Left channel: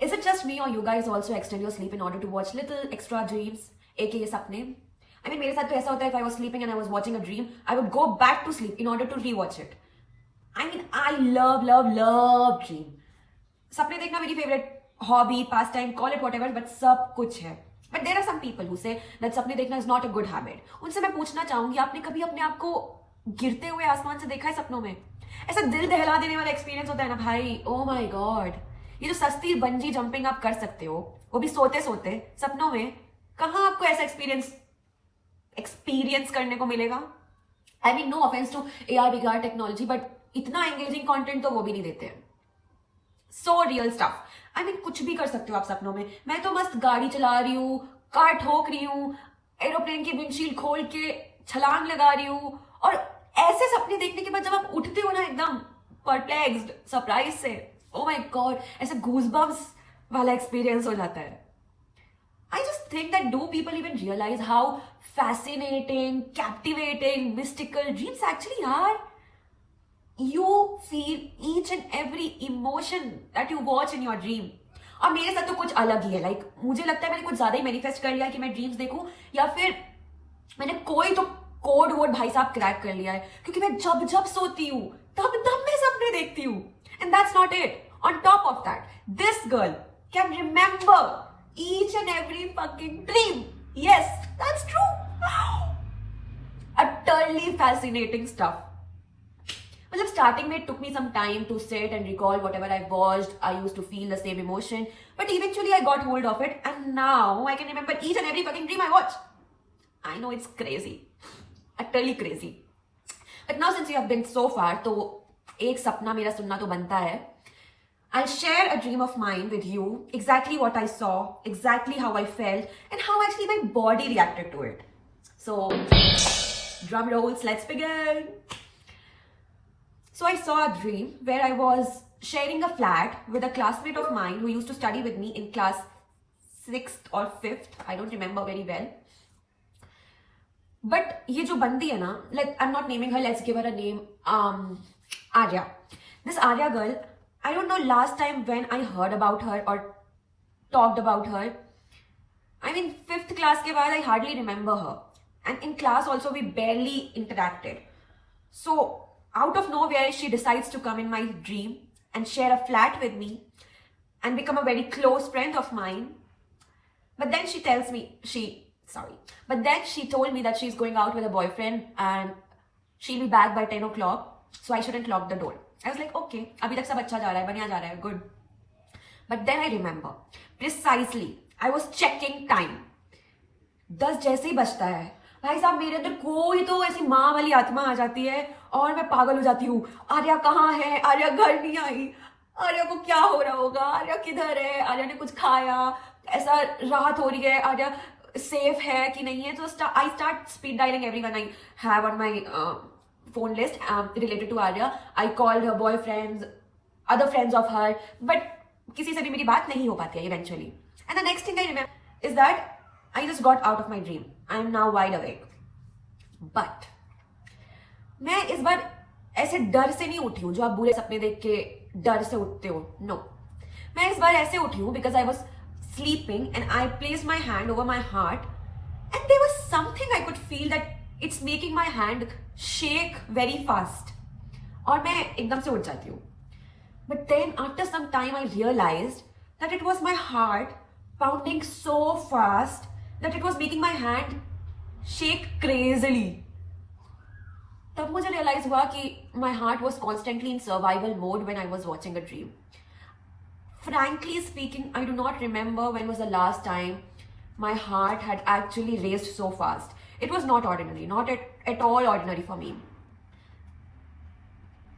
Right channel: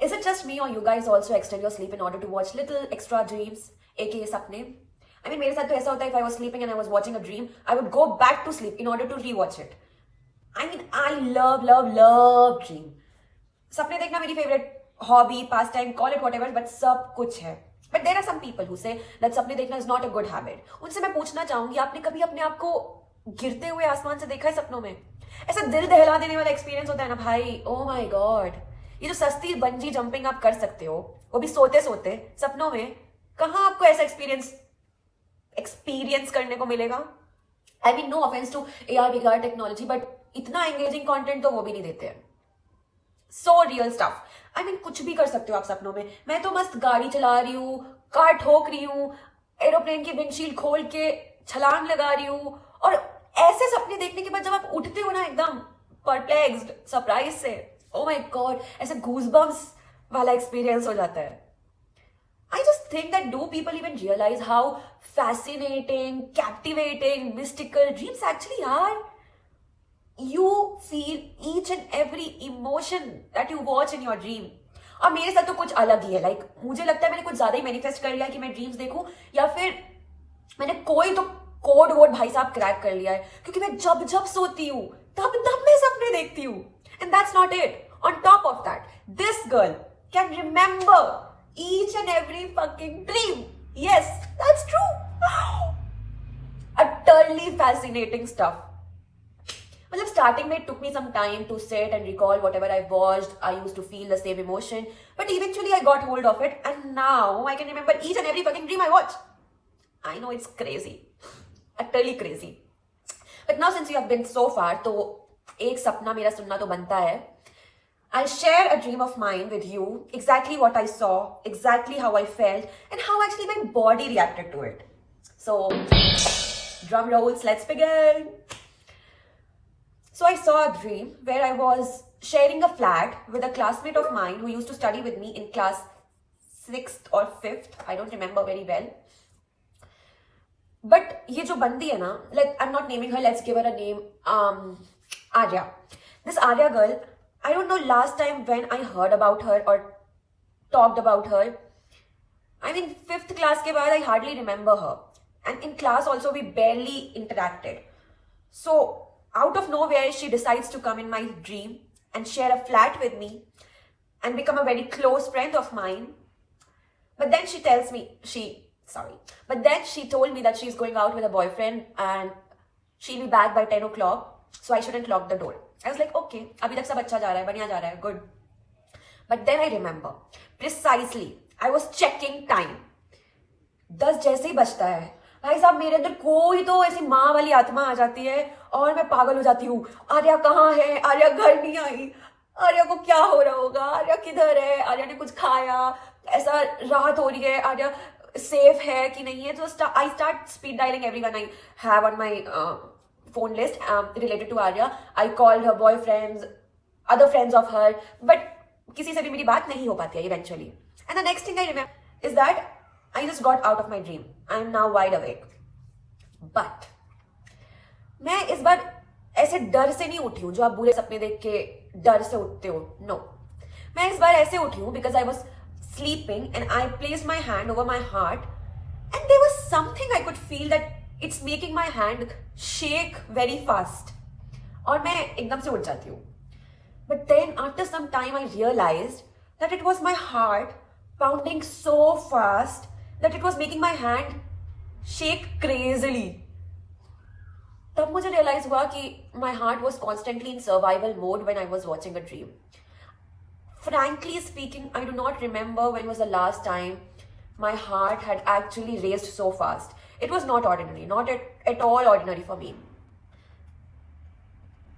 Is it just me or you guys also extend your sleep in order to watch little extra dreams, aka sapne? I mean, मेरे साथ तो ऐसा होता है, if I was sleeping and I was watching a dream, I would go back to sleep in order to rewatch it. I mean, I love dream. सपने देखना मेरी favorite hobby, pastime, call it whatever, but सब कुछ है. But there are some people who say that सपने देखना is not a good habit. उनसे मैं पूछना चाहूंगी, आपने कभी अपने आप को गिरते हुए आसमान से देखा है सपनों में? ऐसा दिल दहला देने वाला एक्सपीरियंस होता है ना भाई, ओ माय गॉड. ये जो सस्ती बंजी जंपिंग आप कर सकते हो, वो भी सोते सोते सपनों में, कहाँ आपको ऐसा एक्सपीरियंस करने को मिलेगा? I mean, no offence to AR VR technology, but इतना एंगेजिंग कंटेंट तो वो भी नहीं देते हैं. So real stuff. I mean, कुछ भी कर सकते हो आप सपनों में. मैं तो मस्त गाड़ी चला रही हूँ, कार ठोक रही हूँ, एरोप्लेन की विंडशील्ड खोल के छलांग लगा रही हूँ, और ऐसे सपने देखने के बाद जब आप उठते हो ना एकदम परप्लेक्स्ड, सरप्राइज से, ओ माय गॉड, ऐसे गूजबम्स वाला एक्सपीरियंस हो जाता है. I just think that do people even realize how fascinating, captivating, mystical dreams actually are? You feel each and every emotion that you watch in your dream. और मेरे साथ तो कुछ अलग ही है. लाइक मुझे लगता है मैंने कुछ ज्यादा ही मैनिफेस्ट कर लिया है कि मैं ड्रीम्स देखूं, या फिर मैंने कोई तो कोड वोड भाई साहब क्रैक कर लिया है, क्योंकि मैं जब जब सोती हूँ तब तब मैं सपने देखती हूँ. And that's not it. On top of that, this girl can remember each and every fucking dream. Yes, that's true. Utterly fascinating stuff. मतलब starting में it took me some time to sit and recall whatever I watched. I used to feel the same emotion, but eventually I got hold of it, and now I can remember each and every fucking dream I watched. I know it's crazy, utterly crazy. But now since you have been so far, तो एक सपना मेरा सुनना तो बनता है. I'll share a dream of mine with you, exactly what I saw, exactly how I felt, and how actually my body reacted to it. So, drum rolls, let's begin. So I saw a dream where I was sharing a flat with a classmate of mine who used to study with me in class 6th or 5th, I don't remember very well. But ये जो बंदी है ना, I'm not naming her, let's give her a name, Arya. This Arya girl, I don't know last time when I heard about her or talked about her. I mean, 5th class के बाद I hardly remember her. And in class also we barely interacted. So, out of nowhere, she decides to come in my dream and share a flat with me and become a very close friend of mine. But then she tells me, but then she told me that she's going out with a boyfriend and she'll be back by 10 o'clock. So I shouldn't lock the door. I was like, okay, अभी तक सब अच्छा जा रहा है, बढ़िया जा रहा है, good. But then I remember, precisely, I was checking time. 10 जैसे ही बजता है, भाई साहब मेरे अंदर कोई तो ऐसी माँ वाली आत्मा आ जाती है और मैं पागल हो जाती हूँ. आर्या कहाँ है? आर्या घर नहीं आई. आर्या को क्या हो रहा होगा? आर्या किधर है? आर्या ने कुछ खाया? ऐसा राहत हो रही है? आर्या सेफ है कि नहीं है? तो I start speed dialing everyone I have on my phone list related to Arya. I called her boyfriends, other friends of her, but किसी से भी मेरी बात नहीं हो पाती है eventually. And the next thing I remember is that I just got out of my dream. I am now wide awake. But मैं इस बार ऐसे डर से नहीं उठी हूँ जो आप बुरे सपने देख के डर से उठते हो. No. मैं इस बार ऐसे उठी हूँ because I was sleeping and I placed my hand over my heart and there was something I could feel that it's making my hand shake very fast. और मैं एकदम से उठ जाती हूँ. But then after some time I realized that it was my heart pounding so fast that it was making my hand shake crazily. तब मुझे realize हुआ कि my heart was constantly in survival mode when I was watching a dream. Frankly speaking, I do not remember when was the last time my heart had actually raced so fast. It was not ordinary, not at all ordinary for me.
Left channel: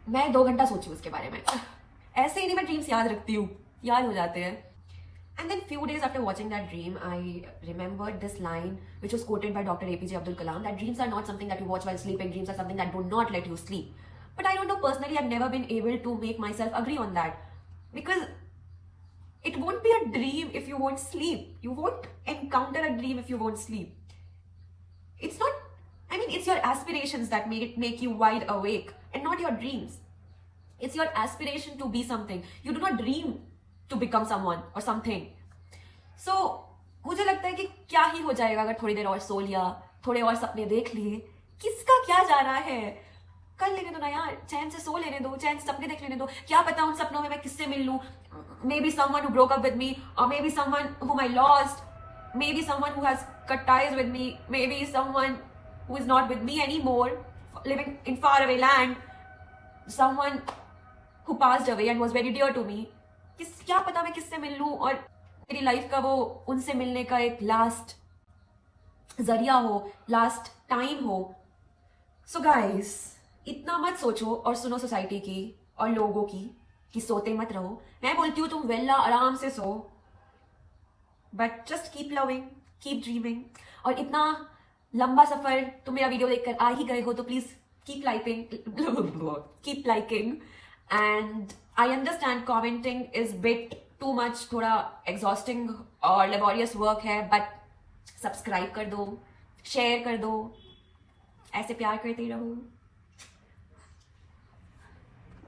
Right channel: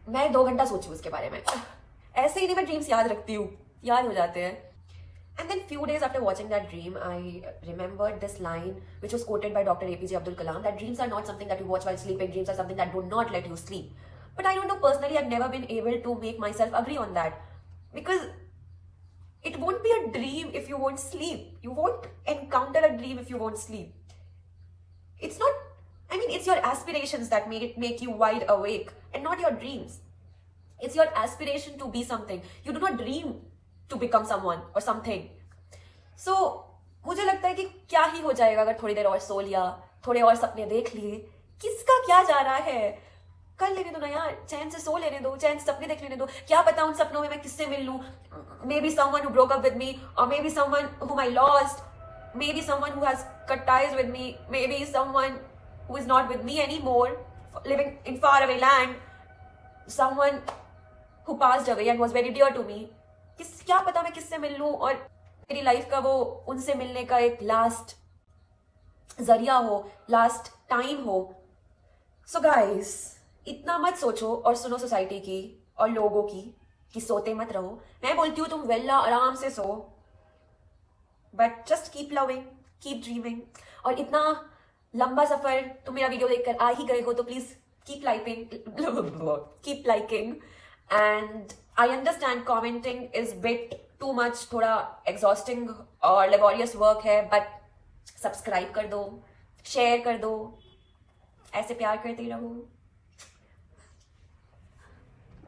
मैं 2 घंटा सोची उसके बारे में. ऐसे ही नहीं मैं dreams याद रखती हूँ, याद हो जाते हैं. And then few days after watching that dream, I remembered this line which was quoted by Dr. APJ Abdul Kalam, that dreams are not something that you watch while sleeping, dreams are something that do not let you sleep. But I don't know, personally, I've never been able to make myself agree on that. Because it won't be a dream if you won't sleep. You won't encounter a dream if you won't sleep. It's not, I mean, it's your aspirations that make you wide awake and not your dreams. It's your aspiration to be something. You do not dream to become someone और something. So मुझे लगता है कि क्या ही हो जाएगा अगर थोड़ी देर और सो लिया, थोड़े और सपने देख लिए. किसका क्या जा रहा है, कर लेने दो ना यार, चैन से सो लेने दो, चैन से सपने देख लेने दो. क्या पता उन सपनों में मैं किससे मिल लूं. Maybe someone who broke up with me, और maybe someone whom I lost, maybe someone who has cut ties with me, maybe someone who is not with me anymore, living in far away land, someone who passed away and was very dear to me. क्या पता मैं किससे मिल लूं और मेरी life का वो उनसे मिलने का एक लास्ट जरिया हो, लास्ट टाइम हो. सो गाइस, इतना मत सोचो और सुनो सोसाइटी की और लोगों की कि सोते मत रहो. मैं बोलती हूँ तुम वेला आराम से सो, but just keep loving, keep dreaming. और इतना लंबा सफर तुम मेरा वीडियो देखकर आ ही गए हो तो please keep liking. And I understand commenting is bit too much, थोड़ा एग्जॉस्टिंग और लेबोरियस वर्क है, बट सब्सक्राइब कर दो, शेयर कर दो, ऐसे प्यार करते रहो.